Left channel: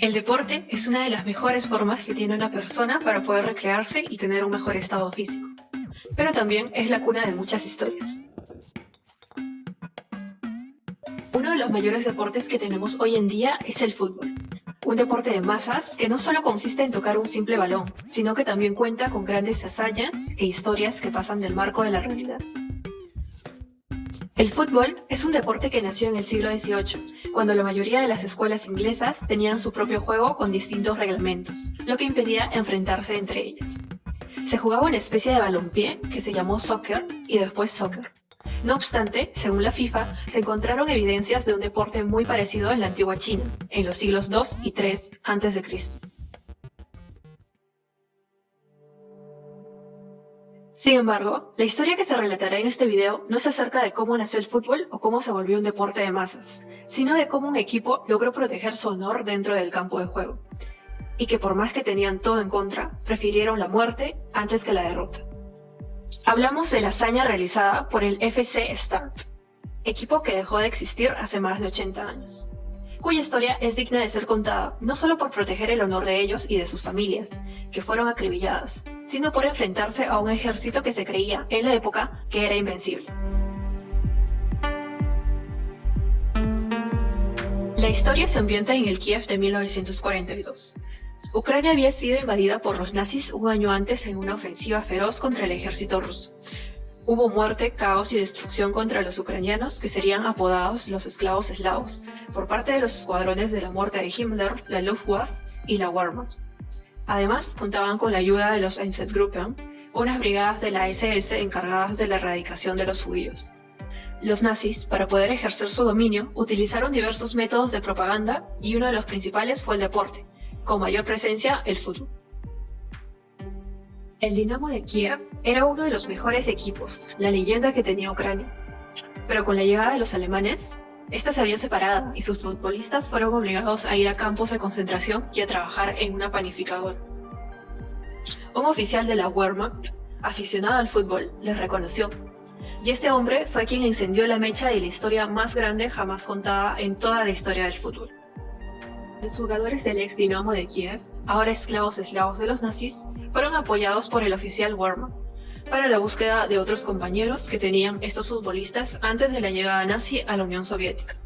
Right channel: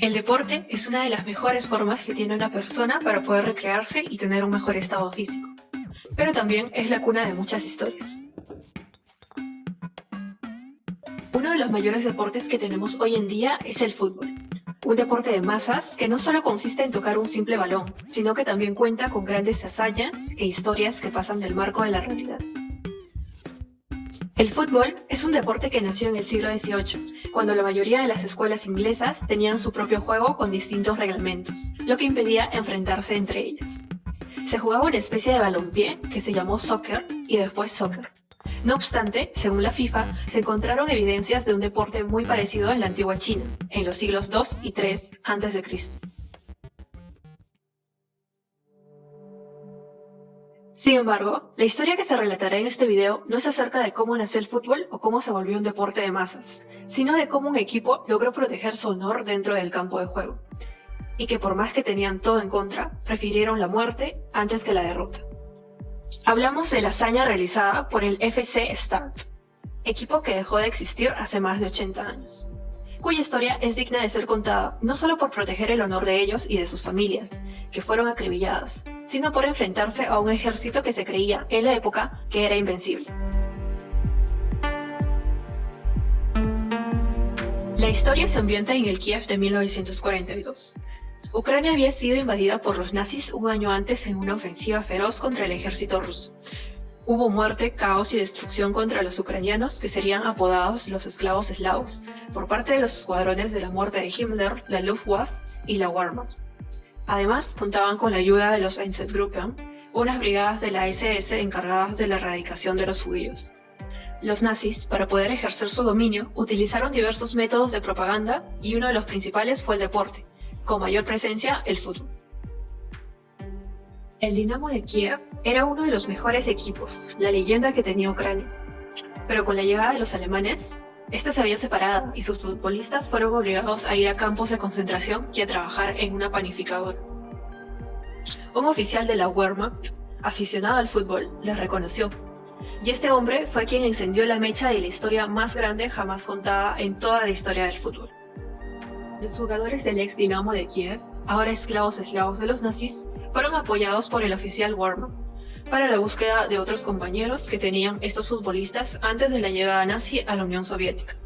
El deporte es una de las mejores formas que tiene una persona para poder recrearse y tener un mejor estado físico, pero también es la cuna de muchas historias. Uno de los mayores deportes que tenemos hoy en día es el fútbol, un deporte de masas que no solo consiste en tocar un simple balón, sino que también cuenta con grandes hazañas e historias que pasan del marco de la realidad. El fútbol es un deporte que nació en el siglo XVIII, cuando la mayoría de las escuelas inglesas tenían su propio juego con distintos reglamentos, lo que impedía enfrentarse entre ellas. Se jugaba una especie de balompié que se llamó soccer y después soccer. No obstante, según la FIFA, se encontraron evidencias de un deporte muy parecido en la antigua China, en los siglos II y III a.C. Sin embargo, la historia que se relatará en este video no es acerca de cómo nació el fútbol o cómo se volvió un deporte de masas, sino de cómo un equipo logró proteger su honor dentro del campo de juego, y que por más que tenían todo en contra, prefirieron la muerte antes que la derrota. Hablamos de la hazaña realizada por el FC Start, equipo que dejó de existir hace más de 80 años, cuya historia es digna de ser contada no solo por proteger el honor de ellos y de sus familias, que fueron acribilladas, sino por enfrentarse a un ejército que se creía en la época que era invencible. La historia se ambienta en el Kiev de 1942. Ucrania había sido invadida por los nazis un año antes en una ofensiva feroz contra el ejército ruso. Hubo muerte, caos y destrucción contra los ucranianos, que serían apodados los esclavos eslavos, por parte de los escuadrones de la muerte de Himmler, la Luftwaffe y la Wehrmacht. Además, contaban con la ayuda de los Einsatzgruppen, unas brigadas de la SS encargadas de la erradicación de los judíos. Los nazis, para poder ejercer su dominio, utilizaron diversos métodos de propaganda y uno de los principales fue el deporte, con mayor presencia el fútbol. El Dinamo de Kiev era uno de los mejores equipos, la leyenda que tenía Ucrania. Pero con la llegada de los alemanes, esta se había separado y sus futbolistas fueron obligados a ir a campos de concentración y a trabajar en una panificadora. Un oficial de la Wehrmacht, aficionado al fútbol, les reconoció, y este hombre fue quien encendió la mecha de la historia más grande jamás contada en toda la historia del fútbol. Los jugadores del ex Dinamo de Kiev, ahora esclavos eslavos de los nazis, fueron apoyados por el oficial Wehrmacht para la búsqueda de otros compañeros que tenían estos futbolistas antes de la llegada nazi a la Unión Soviética.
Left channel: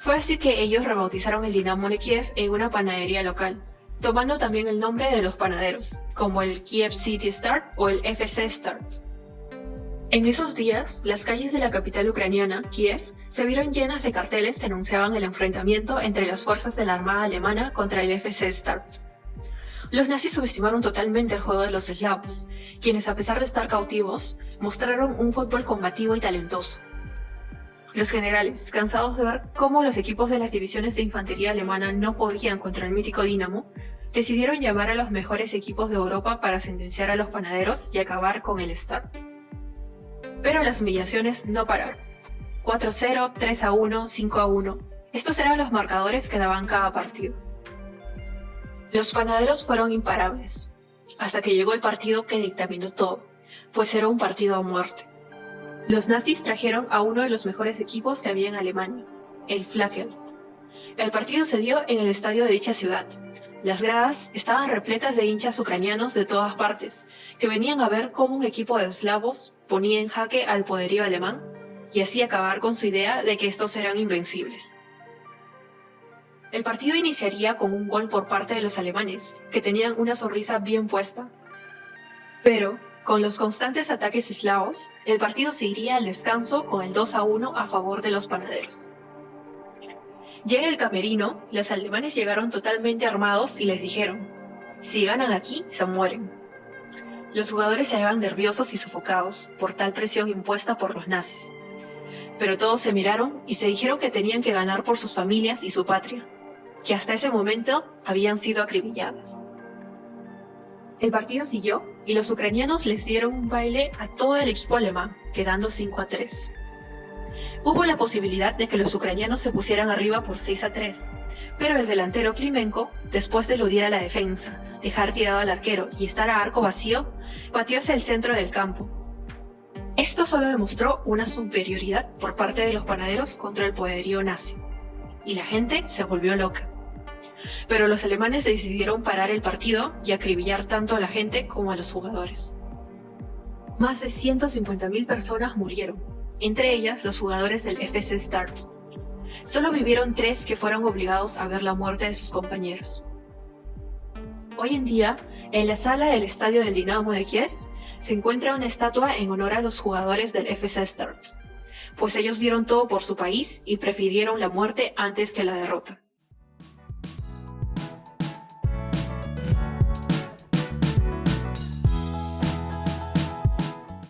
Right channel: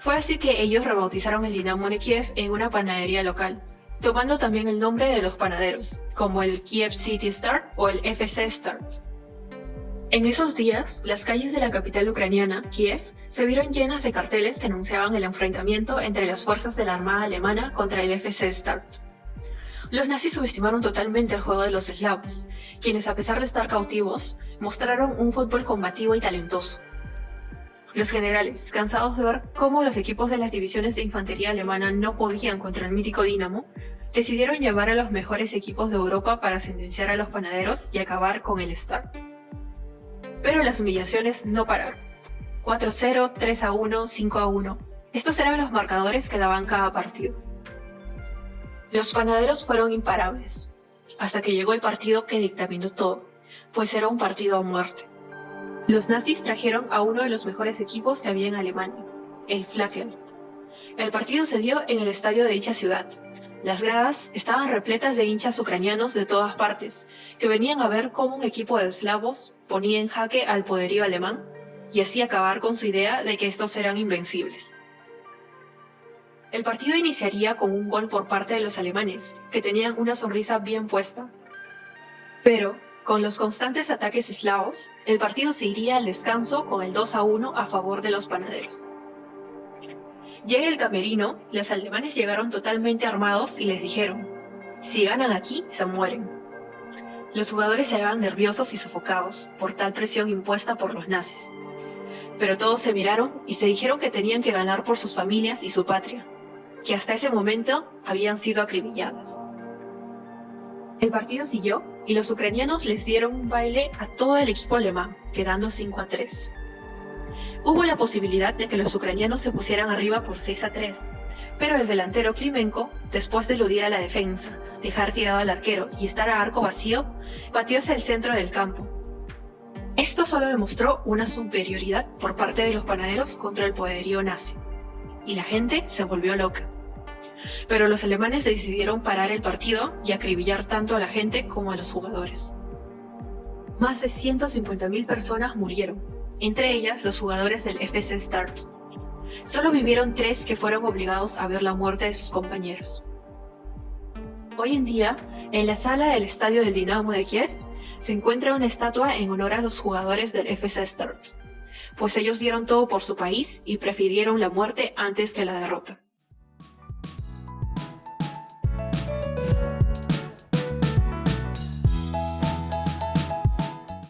Fue así que ellos rebautizaron el Dinamo de Kiev en una panadería local, tomando también el nombre de los panaderos, como el Kiev City Start o el FC Start. En esos días, las calles de la capital ucraniana, Kiev, se vieron llenas de carteles que anunciaban el enfrentamiento entre las fuerzas de la Armada Alemana contra el FC Start. Los nazis subestimaron totalmente el juego de los eslavos, quienes a pesar de estar cautivos, mostraron un fútbol combativo y talentoso. Los generales, cansados de ver cómo los equipos de las divisiones de infantería alemana no podían contra el mítico Dinamo, decidieron llamar a los mejores equipos de Europa para sentenciar a los panaderos y acabar con el Start. Pero las humillaciones no pararon. 4-0, 3-1, 5-1. Estos eran los marcadores que daban cada partido. Los panaderos fueron imparables, hasta que llegó el partido que dictaminó todo, pues era un partido a muerte. Los nazis trajeron a uno de los mejores equipos que había en Alemania, el Flakhelm. El partido se dio en el estadio de dicha ciudad. Las gradas estaban repletas de hinchas ucranianos de todas partes, que venían a ver cómo un equipo de eslavos ponía en jaque al poderío alemán y así acabar con su idea de que estos eran invencibles. El partido iniciaría con un gol por parte de los alemanes, que tenían una sonrisa bien puesta. Pero, con los constantes ataques eslavos, el partido se iría al descanso con el 2-1 a favor de los panaderos. Llega el camerino, los alemanes llegaron totalmente armados y les dijeron, si ganan aquí, se mueren. Los jugadores se hallaban nerviosos y sofocados por tal presión impuesta por los nazis. Pero todos se miraron y se dijeron que tenían que ganar por sus familias y su patria, que hasta ese momento habían sido acribilladas. El partido siguió y los ucranianos les dieron un baile a todo el equipo alemán, quedando 5-3. Hubo la posibilidad de que los ucranianos se pusieran arriba por 6-3, pero el delantero Klimenko, después de eludir a la defensa, dejar tirado al arquero y estar a arco vacío, pateó hacia el centro del campo. Esto solo demostró una superioridad por parte de los panaderos contra el poderío nazi, y la gente se volvió loca. pero los alemanes decidieron parar el partido y acribillar tanto a la gente como a los jugadores. Más de 150.000 personas murieron, entre ellas los jugadores del FC Start. Solo vivieron 3 que fueron obligados a ver la muerte de sus compañeros. Hoy en día, en la sala del estadio del Dinamo de Kiev, se encuentra una estatua en honor a los jugadores del FC Start, pues ellos dieron todo por su país y prefirieron la muerte antes que la derrota.